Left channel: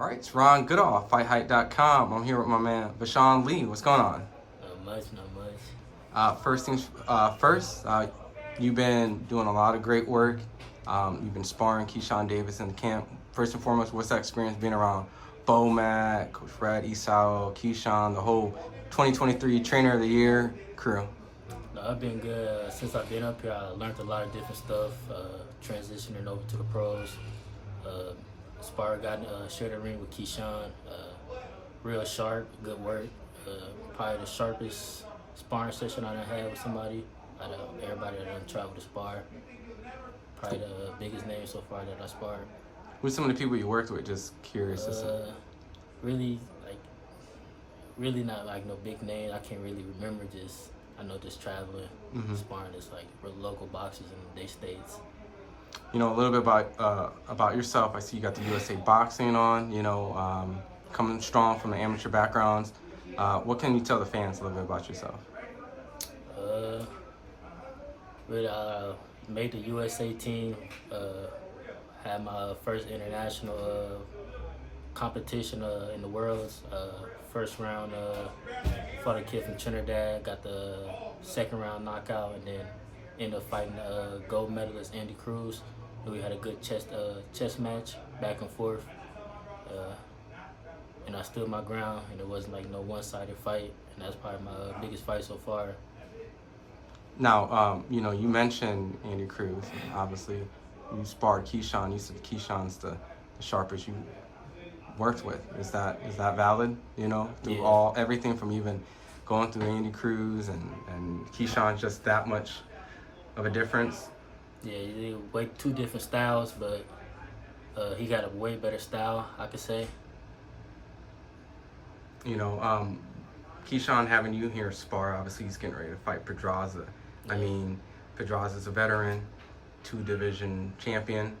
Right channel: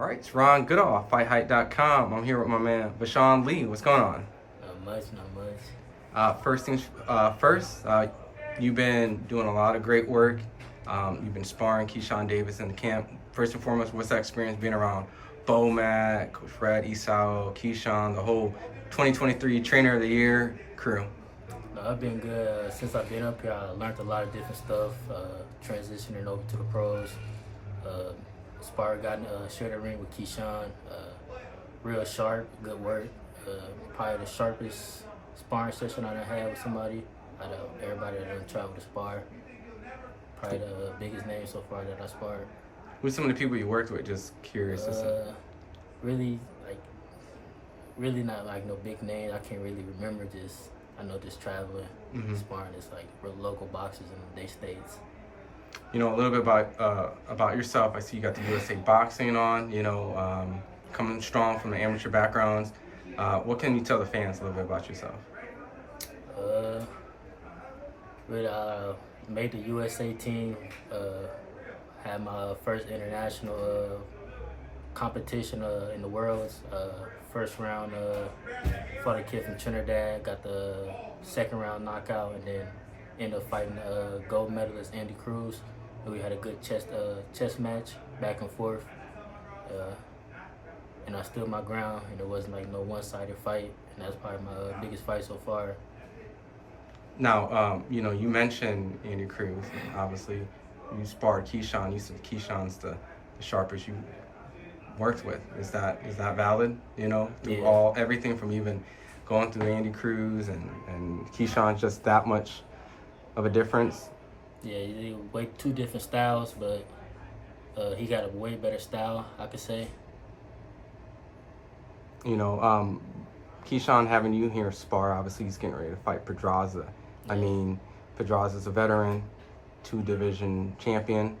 All right, it's Ron Goodall, FightHype.com. I'm here with my man, Bashan Lee. What's going on? Not much. First things first, you've been doing a lot of great work. You've been sparring Keyshawn Davis in the camp. First and foremost, what's that experience being around Mac, Coach Fred, Esau, Keyshawn, the whole 2023 Trainer of the Year crew? No, I've been good. Since I've been up here, I learned a lot of different stuff, transitioning over to the pros. Shared a ring with Keyshawn. Real sharp, good work. Probably the sharpest sparring session I done had with somebody. Out of everybody that done traveled to spar. Probably the biggest name so far that I sparred. Who's some of the people you worked with? Just curious. Really not like no big name. I can't really remember. I know just traveling, sparring just like real local boxers in their states. You know, a little bit about yourself. I see you got the USA Boxing on, coming strong from the amateur backgrounds. What can you tell the fans a little bit about yourself? Made the USA team, had my first international competition in the Worlds. First round fought a kid from Trinidad, got the second round knockout, and then ended up fighting gold medalist Andy Cruz. And we had a good chess match, back and forth. And I stood my ground, and it wasn't like no one-sided fight, and that's probably my biggest fight so far. Now, you mentioned Andy Cruz. Obviously, you sparred Keyshawn. You said Keyshawn's the sharpest you worked with. Is that valid? Through everything from even going through Andy Cruz and Keyshawn, just that much of a difference? Yeah, two different styles, but he got a way better style, I could say. Keyshawn having you here spar, obviously he's getting ready to fight Pedraza. Yeah. I mean, Pedraza's a veteran, 2-division champion.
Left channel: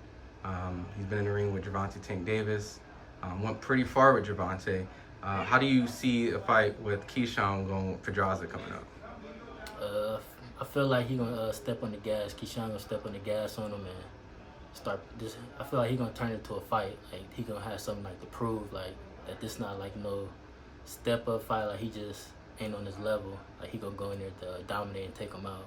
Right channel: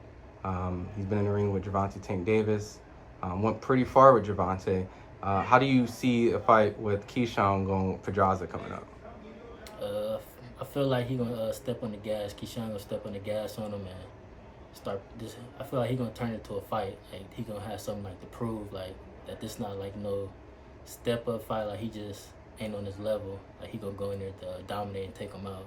He's been in the ring with Gervonta Tank Davis. Went pretty far with Gervonta. How do you see a fight with Keyshawn going with Pedraza coming up? I feel like he gonna step on the gas. Keyshawn gonna step on the gas on him and start this. I feel like he gonna turn it into a fight. Like he gonna have something like to prove, like that this not like no step up fight. Like he just ain't on his level. Like he gonna go in there to dominate and take him out.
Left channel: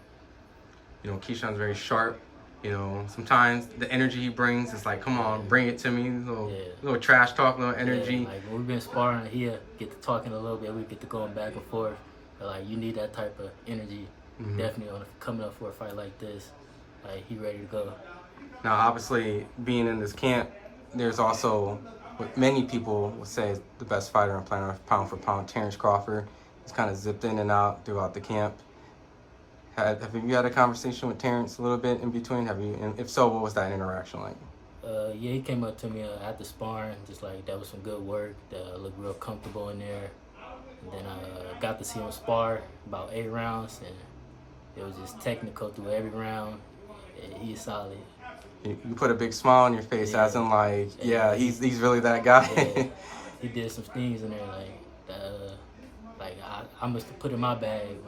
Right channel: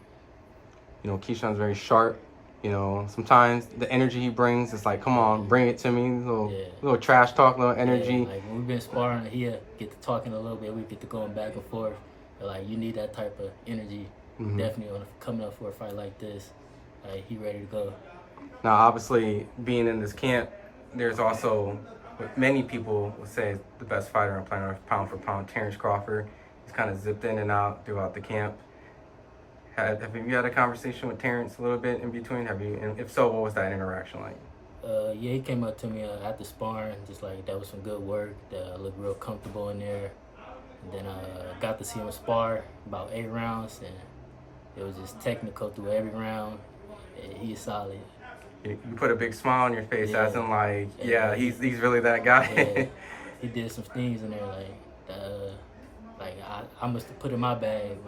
Keyshawn's very sharp. Sometimes the energy he brings is like, come on, bring it to me. Little trash talk, little energy. Yeah, like when we've been sparring, he'll get to talking a little bit. We get to going back and forth. But like you need that type of energy. Definitely coming up for a fight like this. Like he ready to go. Now, obviously, being in this camp, there's also what many people would say is the best fighter on planet Earth, pound for pound, Terence Crawford. He's kind of zipped in and out throughout the camp. Have you had a conversation with Terence a little bit in between? And if so, what was that interaction like? Yeah, he came up to me after sparring, just like that was some good work. That looked real comfortable in there. And then I got to see him spar about 8 rounds, and it was just technical through every round. He's solid. You put a big smile on your face, as in like, he's really that guy. Yeah, he did some things in there like I must have put in my bag.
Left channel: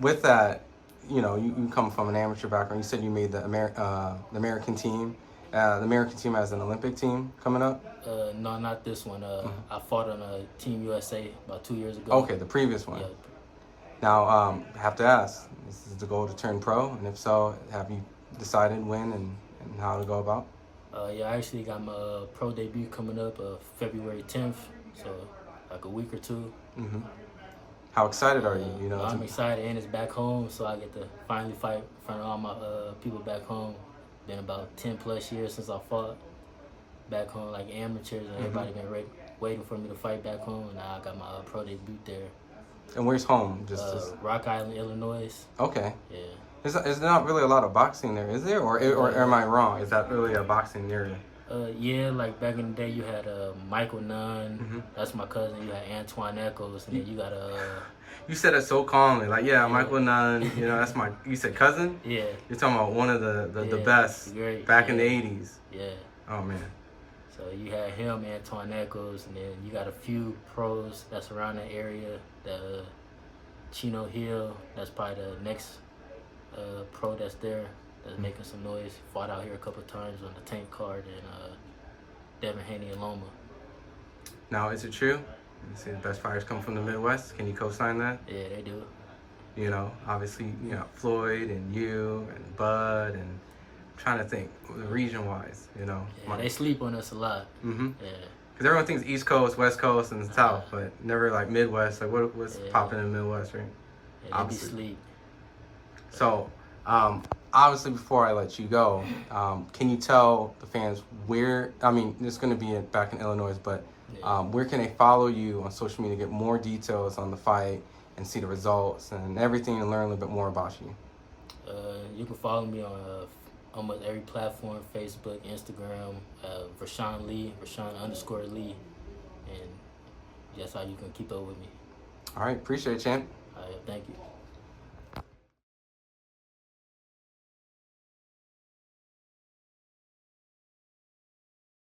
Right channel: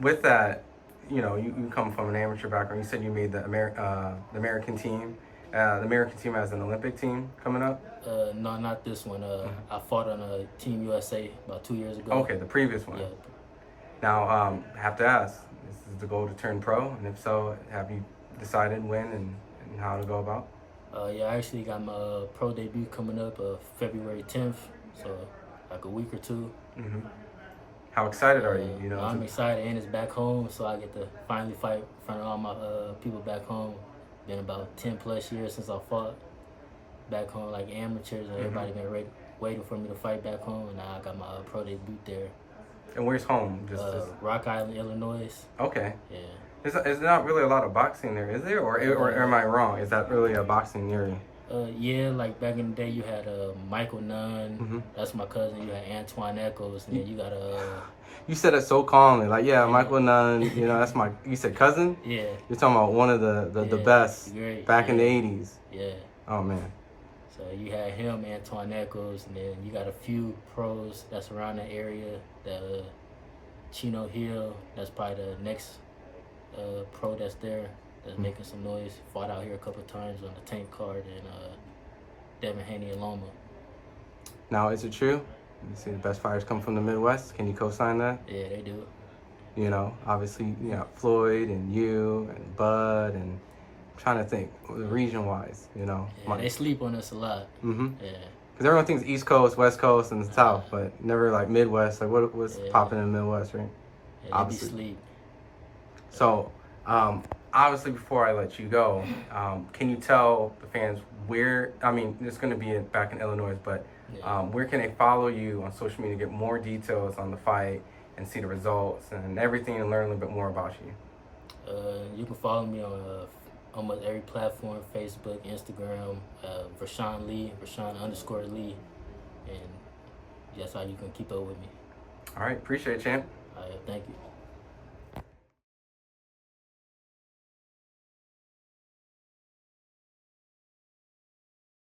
With that, you come from an amateur background. You said you made the American team. The American team has an Olympic team coming up? No, not this one. I fought on a Team USA about 2 years ago. Okay, the previous one. Yeah. Now, I have to ask, is the goal to turn pro? And if so, have you decided when and how to go about? Yeah, I actually got my pro debut coming up February 10th, so like a week or two. How excited are you? I'm excited, and it's back home, so I get to finally fight in front of all my people back home. Been about 10 plus years since I fought back home, like amateurs, and everybody been waiting for me to fight back home, and now I got my pro debut there. And where's home? Rock Island, Illinois. Okay. Yeah. Is not really a lot of boxing there, is there? Or am I wrong? Is that really a boxing area? Yeah, like back in the day, you had Michael Nunn. That's my cousin. You had Antoine Echoes, and then you got You said it so calmly, like Michael Nunn. That's my. You said cousin? Yeah. You're talking about one of the best back in the '80s. Yeah. Oh man. So you had him, Antoine Echoes, and then you got a few pros that's around that area. Chino Hill, that's probably the next pro that's there. that's making some noise. Fought out here a couple of times on the Tank card and Devin Haney and Loma. Now, is it true? You say the best fighters come from the Midwest. Can you co-sign that? Yeah, they do. You know, obviously, you know, Floyd and you and Bud, and I'm trying to think region-wise, you know. Yeah, they sleep on us a lot. Mm-hmm. Yeah. Because everyone thinks East Coast, West Coast, and the South, but never like Midwest. Like, what's popping in the Midwest, right? Yeah, Obviously. they be sleep. So, obviously, before I let you go, can you tell the fans where, I mean, it's going to be back in Illinois, but where can they follow you on social media, get more details on the fight and see the results and everything, and learn a little bit more about you? You can follow me on almost every platform, Facebook, Instagram, Vershaun Lee, Vershaun_Lee, and that's how you can keep up with me. All right, appreciate it, champ. All right, thank you.